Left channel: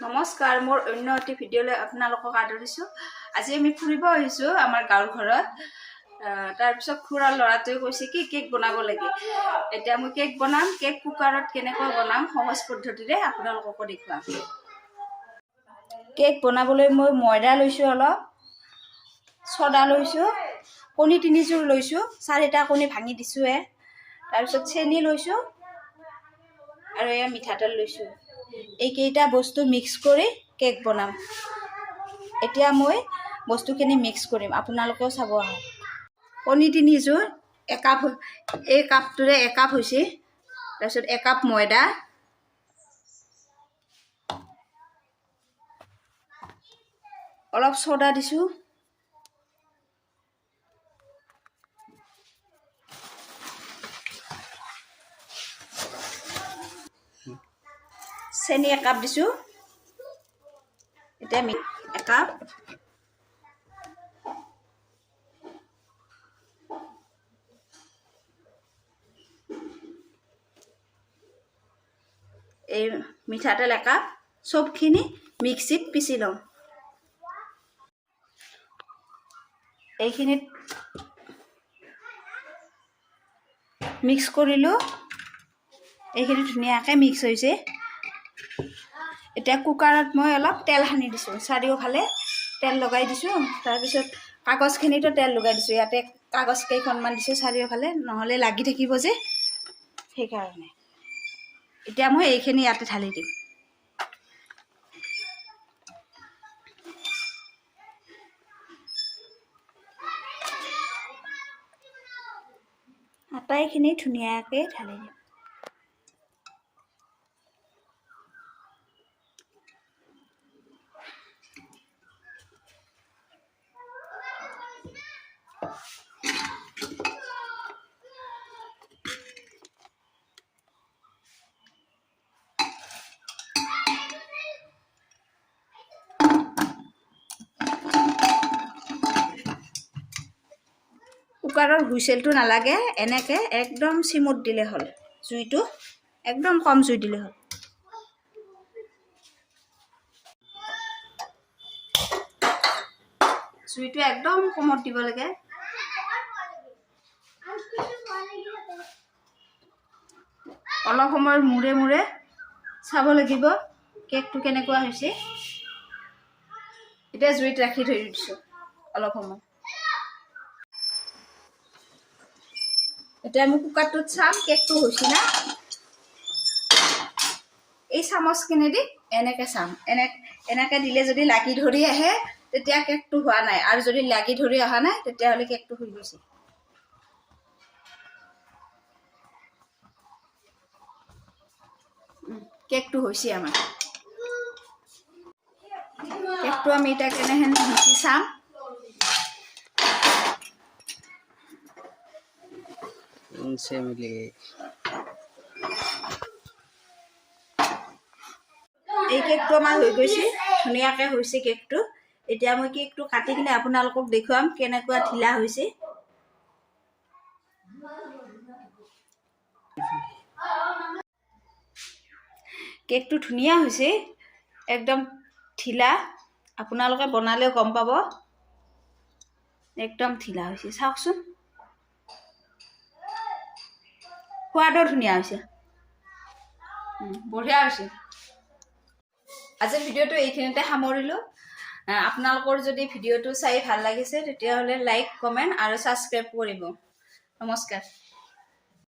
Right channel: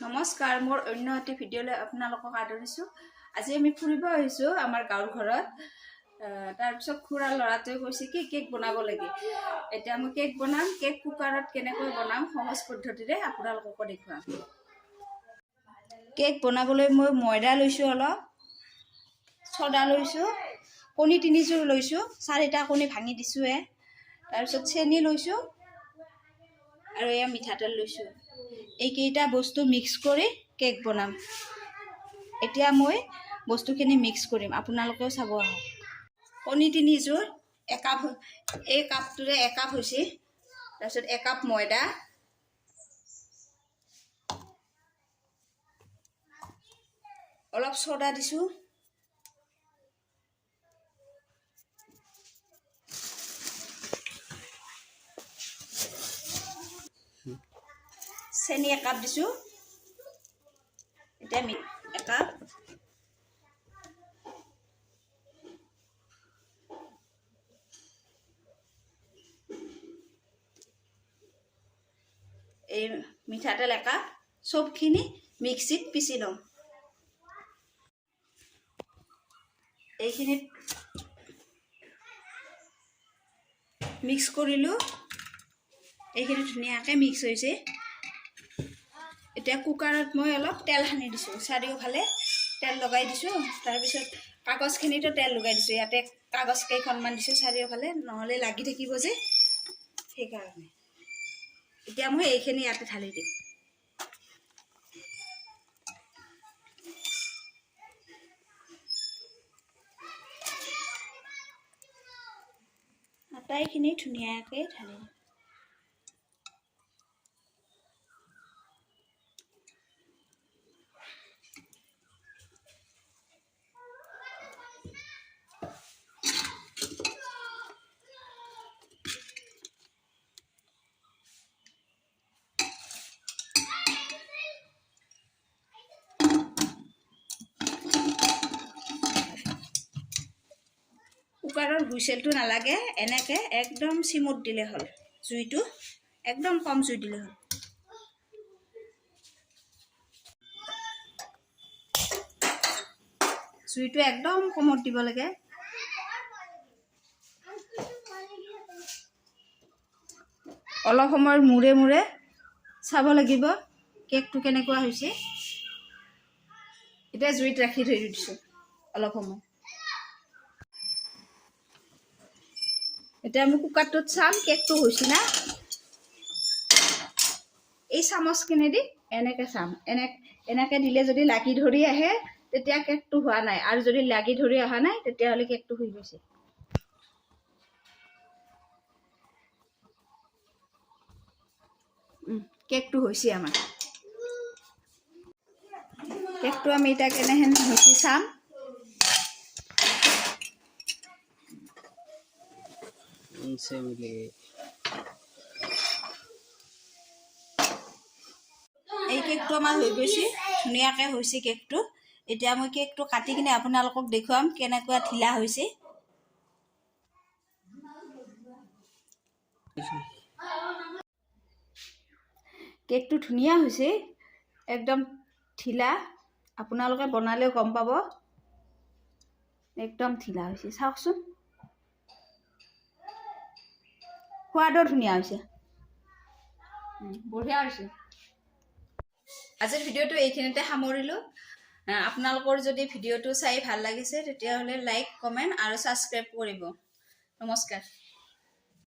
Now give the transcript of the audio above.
নমস্কাৰ, মোৰ অন্য এটি ভিডিঅ'লৈ আপোনালোকক আদৰিছোঁ। আজি আমি ফুৰিব আহিছোঁ আমাৰ গাঁৱৰ ঘৰত। তাৰপিছত খুৰাৰ ল'ৰাটোৱে কৈছে কি কেক বনাব লাগে। এতিয়া মই কেক বনাম। কেক কুকাৰত কেনেকৈ বনাম সহজ পদ্ধতিৰে আপোনালোককো দেখুৱাম। কেক বনাবলৈ মই ময়দা লৈছোঁ, অলপ ছ'ডা লৈছোঁ, কণী 3 যোৰ লৈছোঁ, 4টা কণী ভাঙি দিছোঁহে। তাৰপিছত চেনি লৈছোঁ আৰু এয়া মিঠাতেল লৈছোঁ। এইকেইটা বস্তু মিক্স কৰি কেক বনাম। এতিয়া মই বস্তুখিনি মিক্স কৰিম, আপোনালোকেও চাব আহক। কণী 3 যোৰ, একাপ, এই কাপটোৰে একাপ হৈছে। তাৰপিছত একাপ ময়দা, অলপ ছ'ডা দিছোঁ, চেনি একাপ দিছোঁ, এতিয়া একাপ, এই মিঠাতেল একাপ, চবখিনি মিক্সিত পিচি লওঁ। এইখিনিত মিক্স কৰিলোঁ, এইখিনি ধুনীয়াকৈ মিক্স হৈছে। এতিয়া কুকাৰত মই অলপ তেল সানি দিছোঁ, চাৰিওফালে তেল লগাই দিছোঁ। তাৰপিছত কাগজখিনিতো তেল লগাই দিছোঁ, ইয়াতে কাগজ কেইখনমান দিছোঁ চাৰিওফালে, নহ'লে লাগি থাকিব যে, সেইকাৰণে। এতিয়া মই এইখিনি ইয়াতে ঢালি দিম। আটাইখিনি ধুনীয়াকৈ ঢালি দিম। কুকাৰৰ হুইচেলটো নালাগে, এনেকৈ একদম চিমত দিলে হ'ল। জুইটো একদম কম জুই দিলে হ'ল। জুইটো একদম কমত দিব লাগে। অলপ সময়ৰ মূৰে মূৰে চাব লাগিব কেকটো কেনেকুৱা হৈছে। এতিয়া জুইত ৰাখি থৈ দিছোঁ অলপ সময়। এতিয়া আমি কুকাৰটোত চাম কেকটো হৈছে না। এই চামুচখিনি দি এনেকৈ চাম, এনেকৈ দিলে যদি লাগি ধৰি আহে তেতিয়া কেকটো হোৱা নাই, আৰু যদি লাগি ধৰি অহা নাই তেতিয়াহ'লে কেকটো হৈ গৈছে। কেকটো হৈছে আমাৰ। কেকটো আমি এতিয়া কেনেহেন হৈছে চাম। এই কেকটো আমাৰ হৈ গৈছে, ধুনীয়াকৈ হৈছে কেকটো। এতিয়া মই কেকটো কাটি কিনে আপোনালোকক দেখুৱাম কেনেকুৱা ঢিলা হৈছে। কেকটো ধুনীয়া হৈছে, একদম ঢিলা। আপোনালোকে বনালেও গম পাব, একদম ঢিলা হৈছে। চাওকচোন, সোৱাদো ধুনীয়া হৈছে, বঢ়িয়া হৈছে। আজিৰ ভিডিঅ'টো এইখিনিতে সামৰিলোঁ। আপোনালোকৰ যদি ভিডিঅ'টো চাই ভাল লাগিছে তেতিয়াহ'লে লাইক, কমেণ্ট আৰু ছাবস্ক্ৰাইব কৰিব। নমস্কাৰ।